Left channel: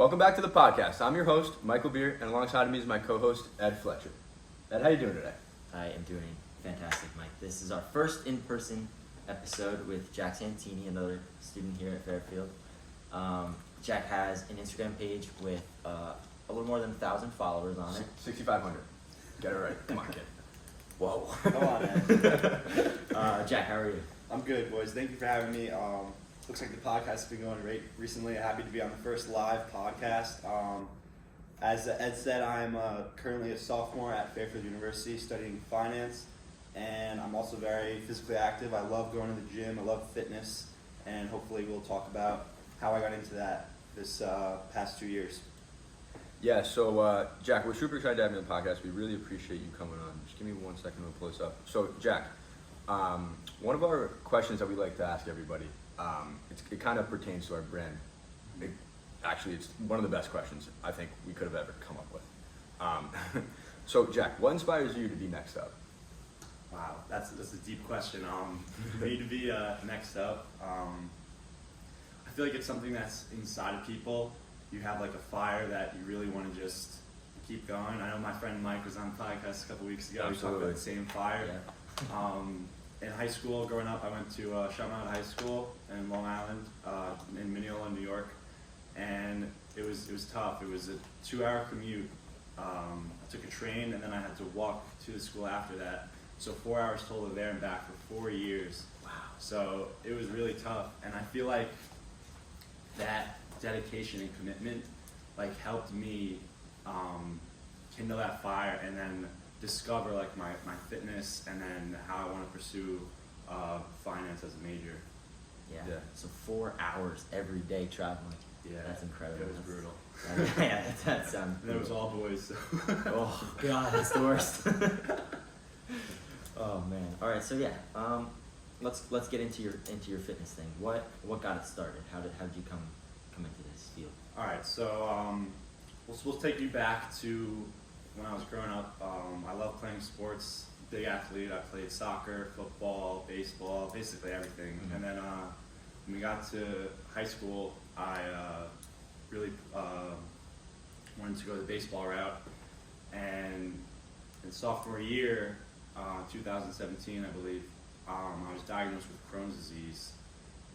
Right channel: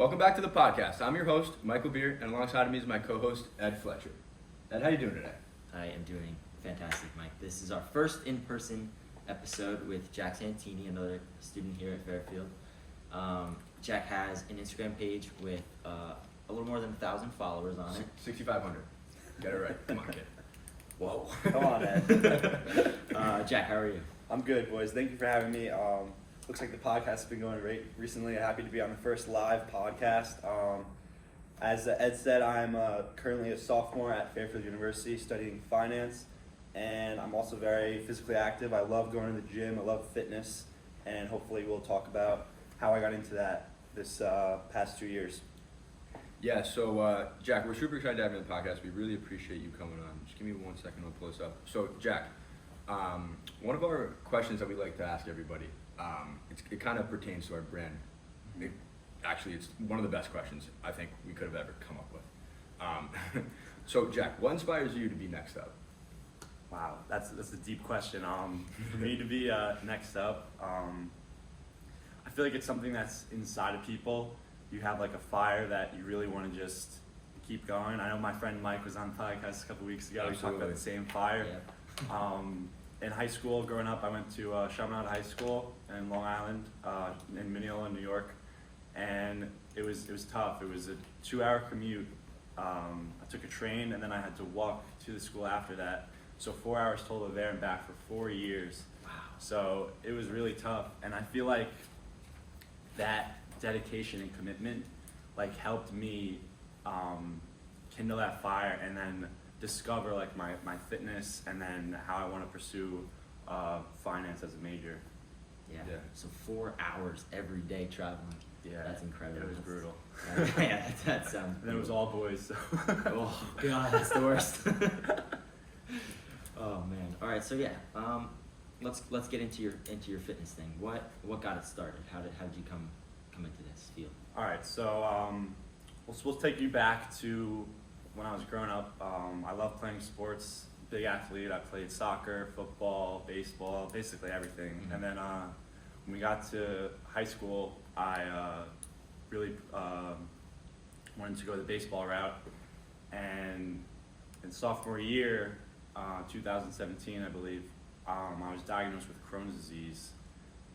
Welcome back to the podcast. I'm your host, Michael Beer, and alongside of me is my co-host, Ed Fletcher. Ed, how you doing today? I am doing fantastic, Mike. This is our first in-person episode with Jack Santini, another student here at Fairfield. Jack has an Instagram page with a little more than 1,000 followers on it. 6,500. Get it right. Come on, kid. Whoa. Come on, Ed. Jack, how are you? I'm good, boys. Thank you for having me. Looks like the podcast has been going great recently. I'm happy to be on the first live podcast. As Ed said, I'm currently a sophomore at Fairfield University studying finance, and I'm also very physically active. I love going to the gym. I love fitness, and hopefully we'll talk about how I got into that this past 2 years. Yeah, so Jack, we're super excited to have you on the podcast. We really appreciate you coming on. Just give me 1 second, I'll pull this up. So, Jack, one of our questions that we like to ask everybody, it kind of pertains to our brand. Actually, it's one of the best questions I think we could have ever come up with. So, Jack, what inspires you to be next up? Wow, that's a deep question. For me to be next up, I feel like it's something that's inside of people. You have like a fire that you really want to just keep going. I know my friend Mike was on the podcast a couple weeks ago. Absolutely. He talked about the same fire. Yeah. In high school, growing up, I went to Chaminade High School in Long Island, in Mineola, New York, and it was tough. It was a 2-hour commute. I took a train, and then I had to walk to the school after that. So 4 hours total there and back for 4 years. Wow. So it was really tough, and I feel like that dedication and commitment like helped me kindle that fire, and then discover like my fitness, and then how I want to pursue finance as a major. Yeah. Yeah. So 4 hours every day traveling. Yeah, That's incredible. It was That's- brutal. Yeah, that sounds. And then it was all boys. So. Oh God, that's the worst. Oh man. All right. So yeah. Let's get into your fitness thing. What got it started? How did you come into this field? All right, so we'll take you back to when I was growing up. I love playing sports. Big athlete. I played soccer, football, baseball, basically everything. Mm-hmm. And then when we got to high school, I really wanted to go the baseball route. And in sophomore year, 2017, I believe, I was diagnosed with Crohn's disease,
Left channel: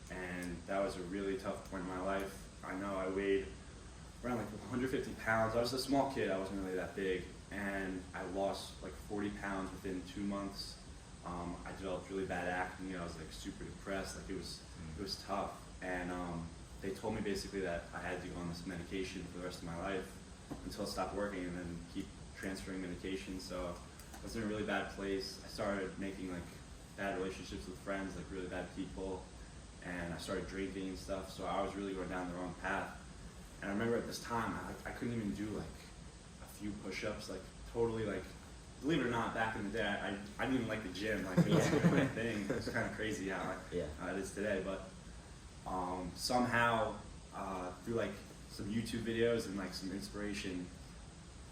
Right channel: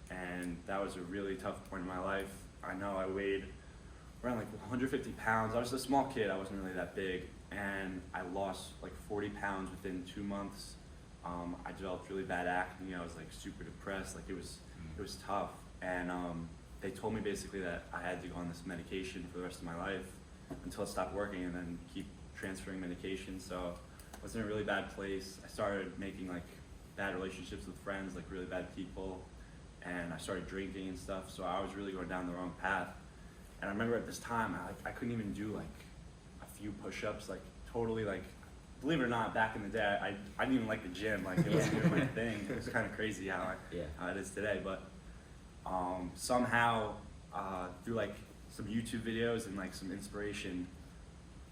and that was a really tough point in my life. I know I weighed around like 150 pounds. I was a small kid, I wasn't really that big, and I lost like 40 pounds within 2 months. I developed really bad acne. I was like super depressed. Like it was tough, and they told me basically that I had to go on this medication for the rest of my life until it stopped working, and then keep transferring medication. So I was in a really bad place. I started making like bad relationships with friends, like really bad people, and I started drinking and stuff. So I was really going down the wrong path. And I remember at this time, I couldn't even do like a few push-ups, like totally like, believe it or not, back in the day, I didn't even like the gym, like it wasn't even my thing. It was kind of crazy how it is today, but somehow through like some YouTube videos and like some inspiration,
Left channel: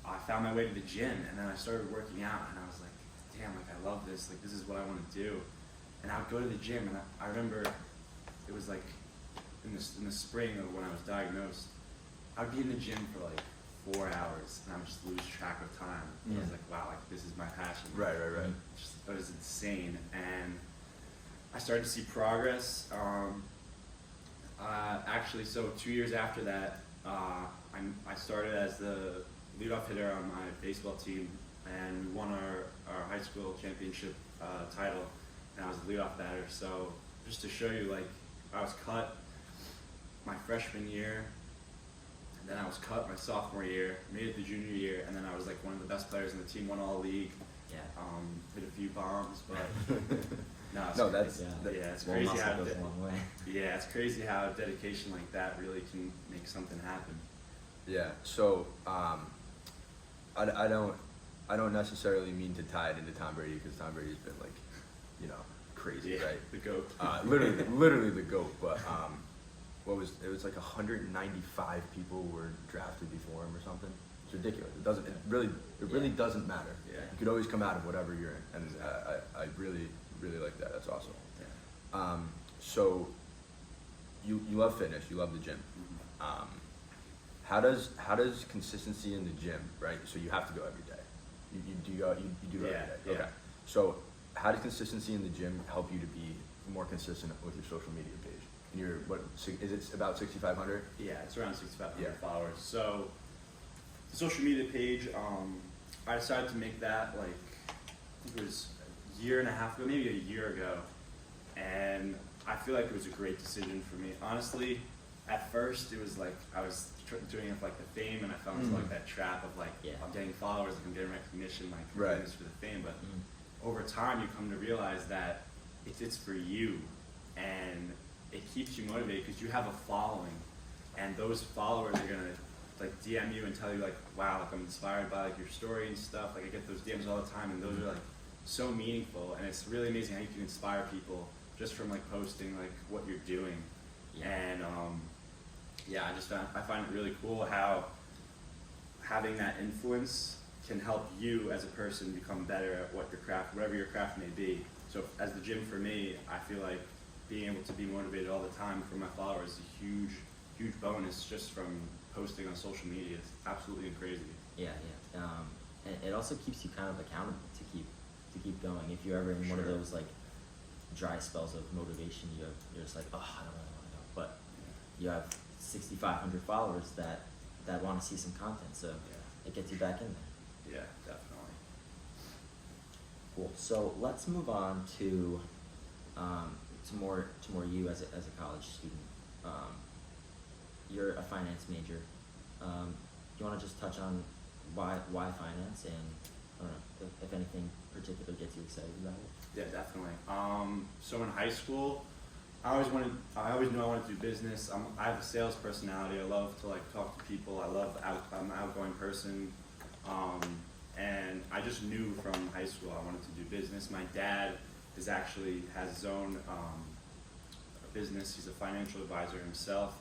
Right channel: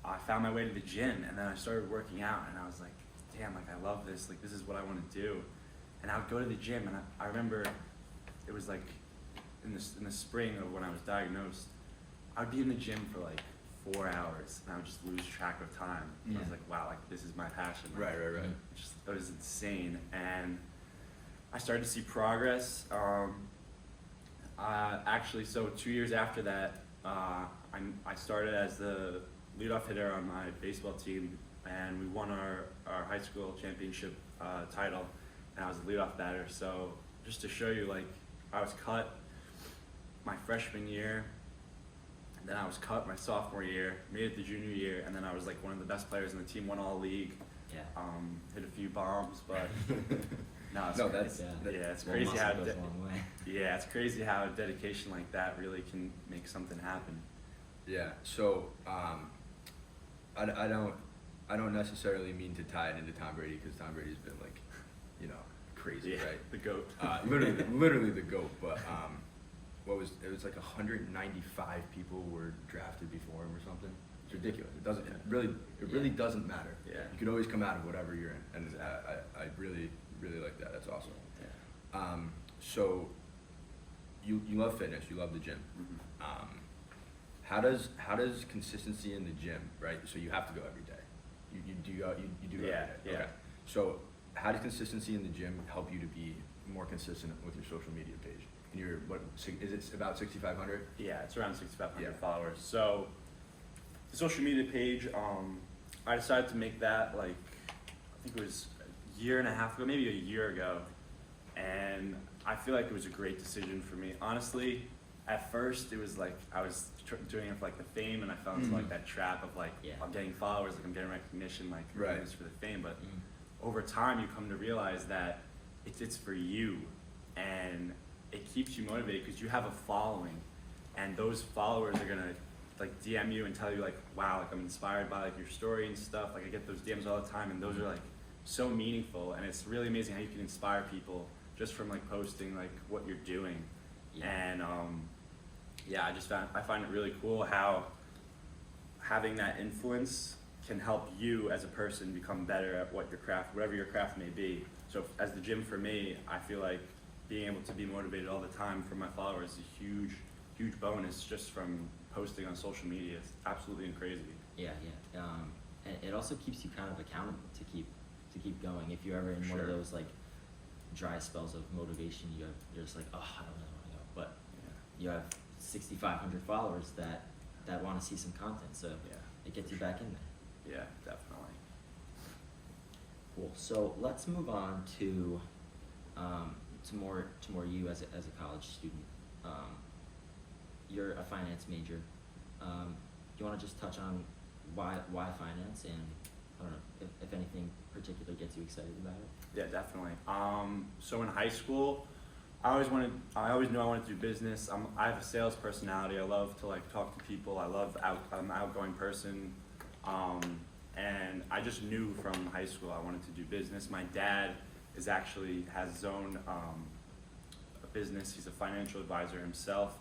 I found my way to the gym, and then I started working out, and I was like, damn, like I love this, like this is what I want to do. And I would go to the gym, and I remember it was like in the spring of when I was diagnosed, I'd be in the gym for like 4 hours, and I would just lose track of time. And I was like, wow, like this is my passion. Right. It was insane, and I started to see progress. Actually, so 2 years after that, I started as the leadoff hitter on my baseball team, and we won our high school championship title, and I was the leadoff batter. So just to show you, like, I was cut my freshman year, and then I was cut my sophomore year, made it the junior year, and then I was like one of the best players in the team, won all league. Yeah. Hit a few bombs, but it's Well, crazy muscle how goes a long way. yeah, it's crazy how dedication like that really can make something happen. Yeah. So I don't necessarily mean to tie it into Tom Brady, because Tom Brady's been like, crazy, Yeah, right? the GOAT. Literally the GOAT. But it was like 195 people were drafted before him or something. It's ridiculous. It really doesn't matter. Yeah. You could always come out of whatever you're in, and I really like that. That's awesome. Yeah. So you love fitness, you love the gym. Mm-hmm. how does consistency in the gym, right? So you have to go every day. You do it every day. Yeah. Okay. So how does consistency in the gym help you to be more consistent with your social media page? And is it about 6,500? Yeah, it's around 6,500 Yeah. followers. So the social media page, I decided to make that like, I think it was a year and a half ago, maybe a year ago. And I feel like it was a great decision for me. Honestly, at first it was like I was doing it for like the fame, and I fell into like that trap of like, I'm getting followers, like I'm getting recognition, like I'm doing this for the fame. But over time you come to realize that it's for you, and it keeps you motivated because you have a following, and those followers are gonna like DM you and tell you like, wow, like I'm inspired by like your story and stuff. Like I get those DMs all the time, and those are like so meaningful, and it's really amazing how you can inspire people just from like posting like what you're doing. And I find it really cool how having that influence can help you as a person become better at whatever your craft may be. So as the gym for me, I feel like being able to be motivated all the time from my followers is a huge bonus just from posting on social media. It's absolutely crazy. And it also keeps you kind of accountable to keep going. If you're ever in one of those like dry spells of motivation, you're just like, oh, I don't know. But you have 6,500 followers that want to see some content, so it gets you back in there. Yeah, definitely. Cool. So let's move on to more you as a college student. You're a finance major. Do you want to just touch on why finance, and I don't know if anything particular gets you excited about it? Yeah, definitely. So in high school, I always knew I wanted to do business. I have a sales personality. I love to like talk to people. I'm an outgoing person. And I just knew from high school I wanted to do business. My dad has his own business. He's a financial advisor himself,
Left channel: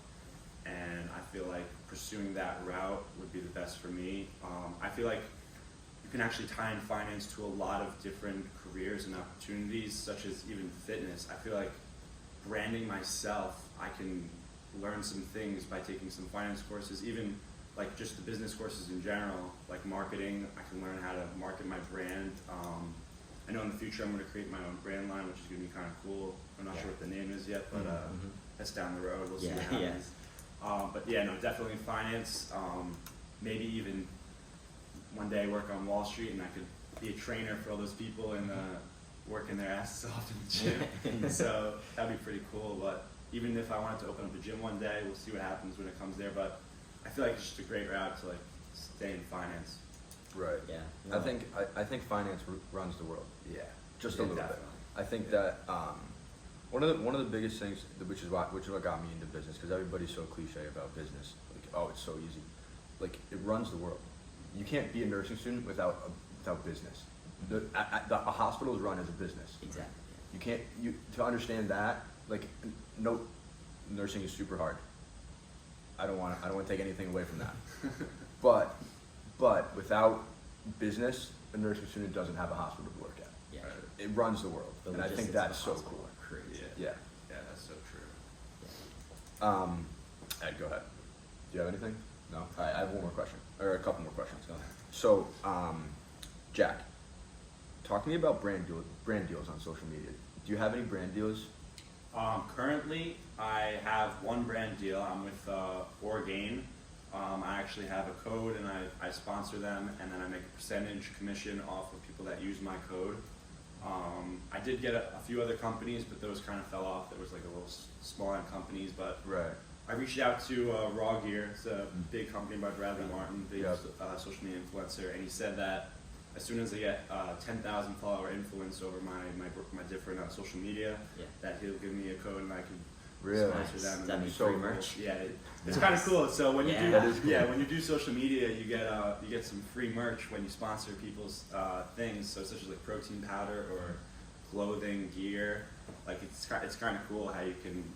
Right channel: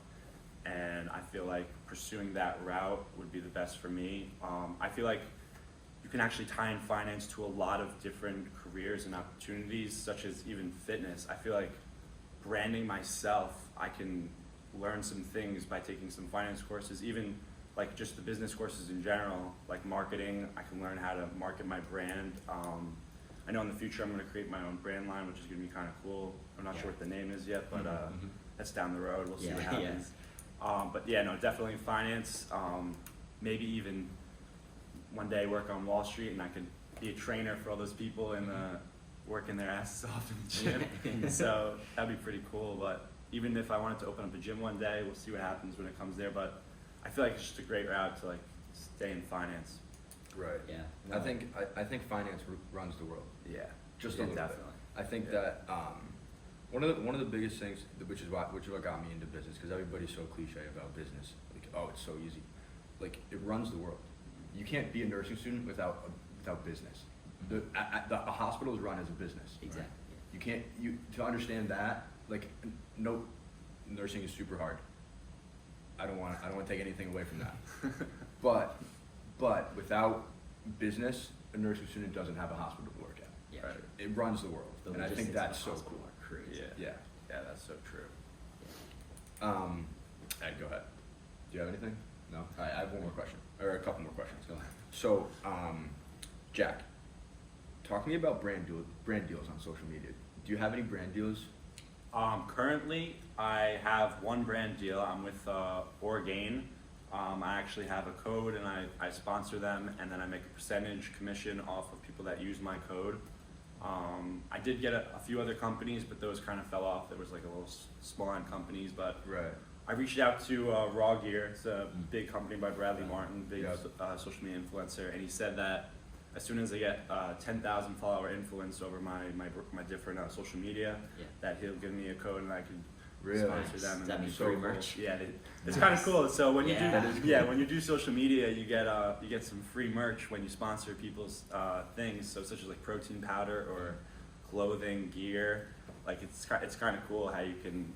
and I feel like pursuing that route would be the best for me. I feel like you can actually tie in finance to a lot of different careers and opportunities, such as even fitness. I feel like branding myself, I can learn some things by taking some finance courses, even like just the business courses in general, like marketing. I can learn how to market my brand. I know in the future I'm going to create my own brand line, which is going to be kind of cool. I'm not sure what the name is yet, but that's down the road. We'll see what happens. But yeah, no, definitely finance. Maybe even one day work on Wall Street, and I could be a trainer for all those people and working their asses off in the gym. So that'd be pretty cool. But even if I wanted to open up a gym one day, we'll see what happens when it comes there. But I feel like it's just a great route to like stay in finance. Right. Yeah. No. I think finance runs the world. Yeah. Just a little definitely. bit. I think that one of the biggest things, which is what got me into business, because everybody's so cliche about business. Like, oh, it's so easy. Like, it runs the world. You can't be a nursing student without business. A hospital is run as a business. Exactly. You can't to understand that. Like, no, nursing is super hard. I don't want to take anything away from that. But without business, a nursing student doesn't have a hospital to work at. Yeah. Right? It runs the world, and I think that's so cool. Crazy. Yeah. Yeah, that's so true. Ed, go ahead. Do you have anything? No? All right, I have one more question, or a couple more questions. Go ahead. So, Jack, talk to me about brand deals on social media. Do you have any brand deals? Currently, I have one brand deal. I'm with Orgain. I actually have a code, and I sponsor them, and then I make a percentage commission off of people that use my code. I did get a few other companies, but those kind of fell off. There was like a little small-end companies, but I reached out to Raw Gear. It's a big company by Bradley Martin, big social media influencer, and he said that as soon as I get 10,000 follower influence over my different social media, that he'll give me a code and I can sponsor them. Does that mean free merch? Yeah, it's kind of cool. So when you when you do social media, you get some free merch when you sponsor people's things. So such as like protein powder or clothing, gear. Like it's kind of cool how you can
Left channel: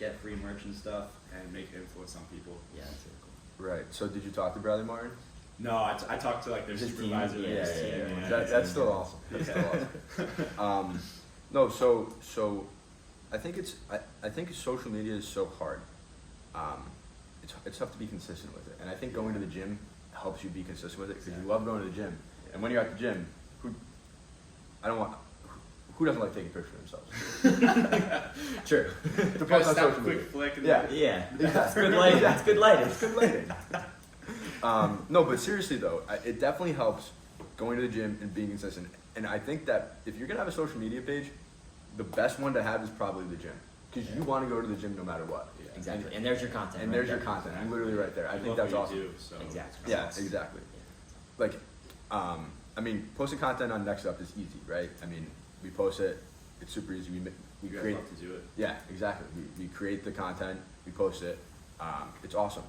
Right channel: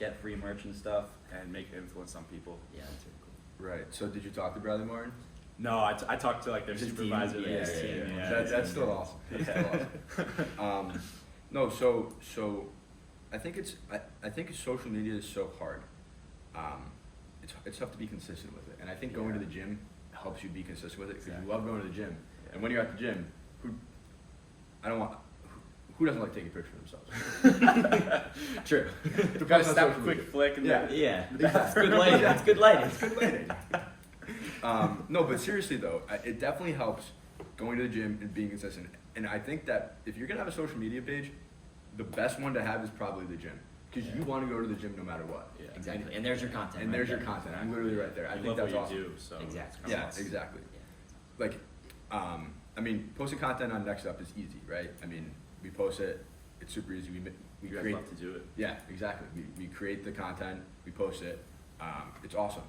get free merch and stuff and make an influence on people. Yeah, that's really cool. Right. So did you talk to Bradley Martin? No, I talked to like their supervisor. That's still awesome. That's still awesome. No, so I think social media is so hard. it's tough to be consistent with it. And I think going to the gym helps you be consistent with it because Exactly. you love going to the gym. Yeah. And when you're at the gym, who doesn't like taking pictures of themselves? True. To Gotta post on snap a social quick media. flick and Yeah. Yeah, Yeah. that's good lighting. That's good lighting. It's good lighting. No, but seriously though, it definitely helps going to the gym and being consistent. And I think that if you're gonna have a social media page, the best one to have is probably the gym because you want to go to the gym no matter what. Yeah. Exactly. And there's your content. And right there's your there. content. I'm literally right there. I You think love that's what awesome. you do, so Exactly. it's kinda Yeah, awesome. exactly. Yeah. Like, I mean, posting content on Next Up is easy, right? I mean, we post it. It's super easy. We You guys create. love to do it. Yeah, exactly. We create the content. We post it. It's awesome.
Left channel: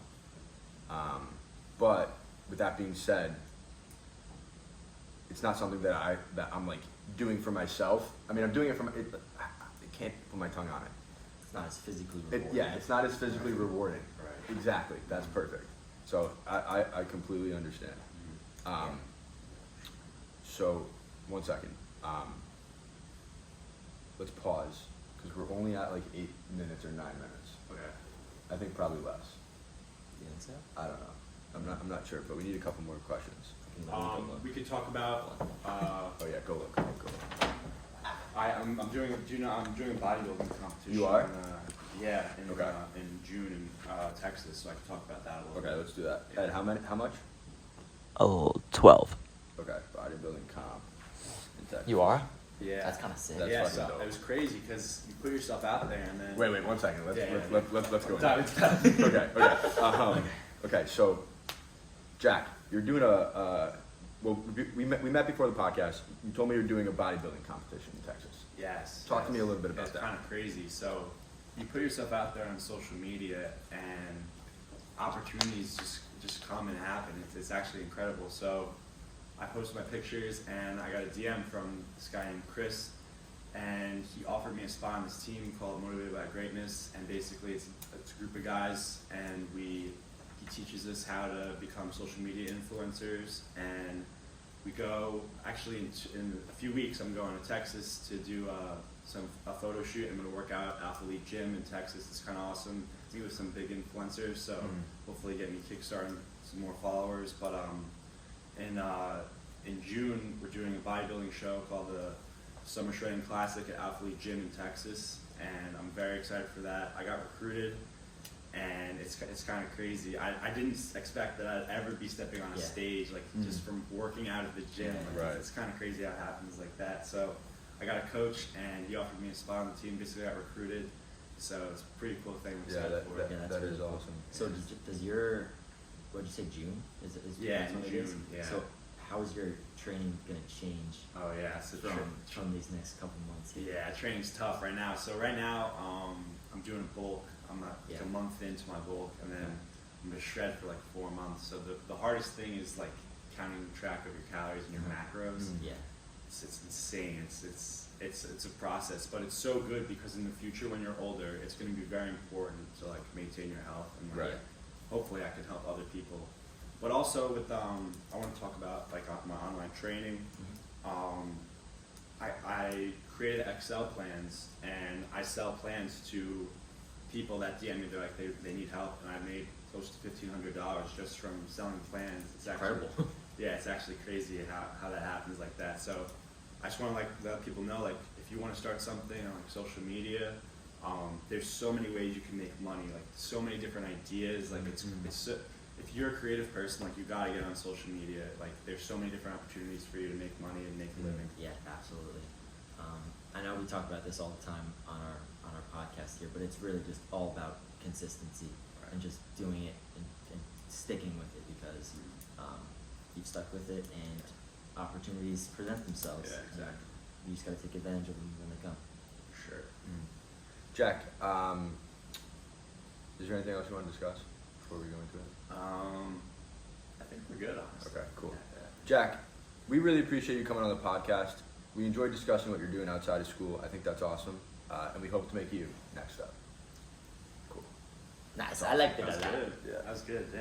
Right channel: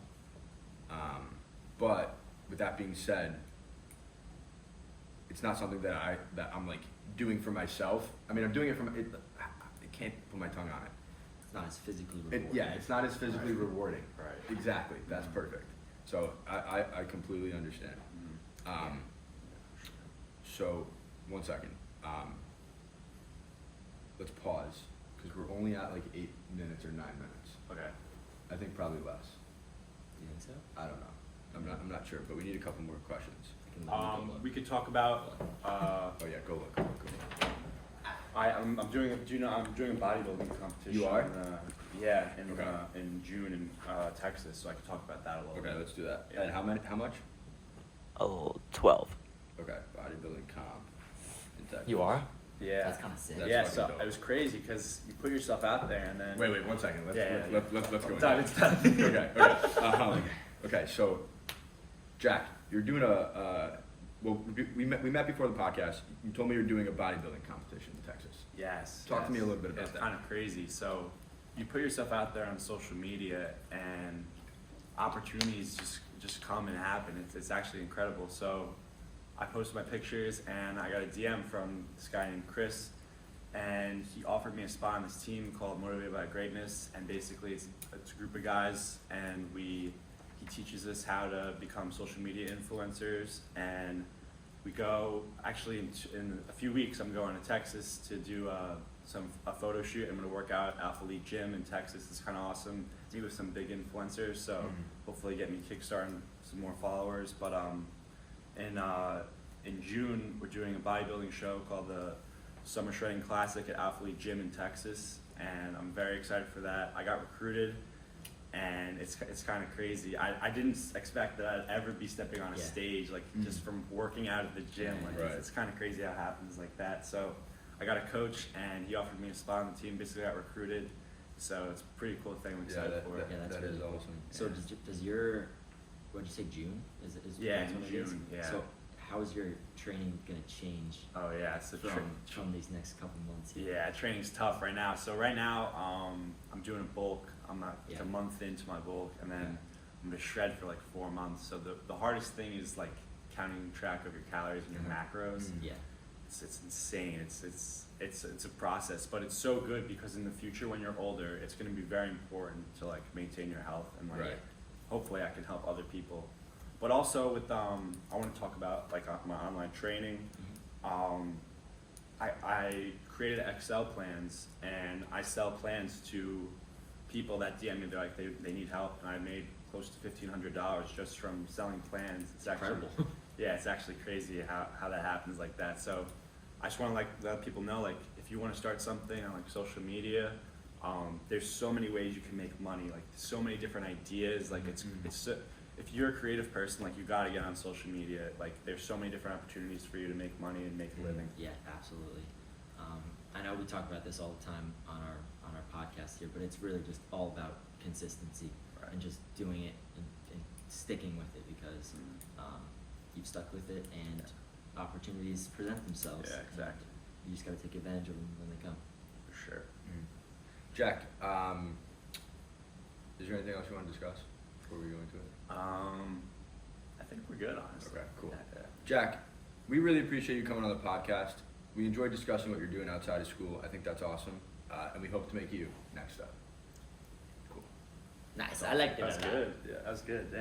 But with that being said, it's not something that I'm like doing for myself. I mean, I'm doing it for it. I can't put my tongue on it. It's not as physically rewarding. Yeah, it's not as physically Right. rewarding. Right. Exactly. That's perfect. So I completely understand. Mhm. So, one second. Let's pause because we're only at like 8 minutes or 9 minutes. Okay. I think probably less. You think so? I don't know. I'm not sure, but we need a couple more questions. I can look. We could talk about. Oh yeah, go look. I'm doing a bodybuilding competition. You are? In Okay. in June in Texas, so I can talk about that a little Okay, bit. let's do that. Yeah. And how much? Oh, 12. Okay, bodybuilding comp. in Texas. You are? Yeah. That's kind of sick. That's yeah, fucking so dope. it was crazy because you put yourself out there and then. Wait, 1 second. Let's Yeah. go. Done, it's done. Okay. Okay. So, Jack, you're doing well, we met before the podcast. You told me you're doing a bodybuilding competition in Texas. Yes. Talk to me a little bit about it's that. It's kind of crazy. So, you put yourself out there on social media, and opportunities just come and happen. It's actually incredible. So, I posted my pictures, and I got a DM from this guy named Chris, and he offered me a spot on his team called Motivated by Greatness, and basically it's a group of guys, and he teaches us how to become social media influencers, and we go, actually in a few weeks I'm going to Texas to do a photo shoot. I'm going to work out at Alpha League Gym in Texas. It's kind of awesome, meet with some big influencers, so hopefully get me kickstarting some more followers, but in June, we're doing a bodybuilding show called the Summer Shredding Classic at Alpha League Gym in Texas, and I'm very excited for that. I got recruited, and it's kind of crazy. I didn't expect that I'd ever be stepping on a Yeah. stage, like just from working out at the gym. Like, Right. it's kind of crazy how it happens like that. So I got a coach, and he offered me a spot on the team. Basically, got recruited. So it's a pretty cool thing. I'm Yeah, excited for. Yeah, that's that really is cool. awesome. So does your, what did you say, June? Is Yeah, that's in when it is? June, yeah. So how is your training gonna change Oh yeah, so from these next couple months? Yeah, training's tough right now. So right now, I'm doing a bulk. I'm not Yeah. a month into my bulk, and then Okay. I'm gonna shred for like 4 months. So the hardest thing is like counting track of your calories and your macros. Yeah. It's insane. It's a process, but it's so good because in the future when you're older, it's gonna be very important to like maintain your health and like Right. hopefully I can help other people. But also with I want to talk about like my online training. I created Excel plans, and I sell plans to people that DM me. They're like they need help, and I made close to $1,500 just from selling plans. It's actually, Incredible. Yeah, it's actually crazy how that happens like that. So I just want to like let people know, like if you want to start something on like social media, there's so many ways you can make money. Like so many different ideas. Like it's if you're a creative person, like you gotta get on social media. Like there's so many different opportunities for you to make money and make a living. Yeah, absolutely. I know we talk about this all the time on our podcast here, but it's really just all about consistency and just doing it and sticking with it because you've stuck with it and opportunities present themselves. Yeah, exactly. You just got to take advantage of them when they come. For sure. Jack, is there anything else you want to discuss before we go into it? I think we're good, honestly. Okay, cool. Jack, we really appreciate you coming on the podcast. We enjoyed discussing what you're doing outside of school. I think that's awesome, and we hope to make you next up. Cool. Nice. I like that. That was good. Yeah, that was good. Yeah.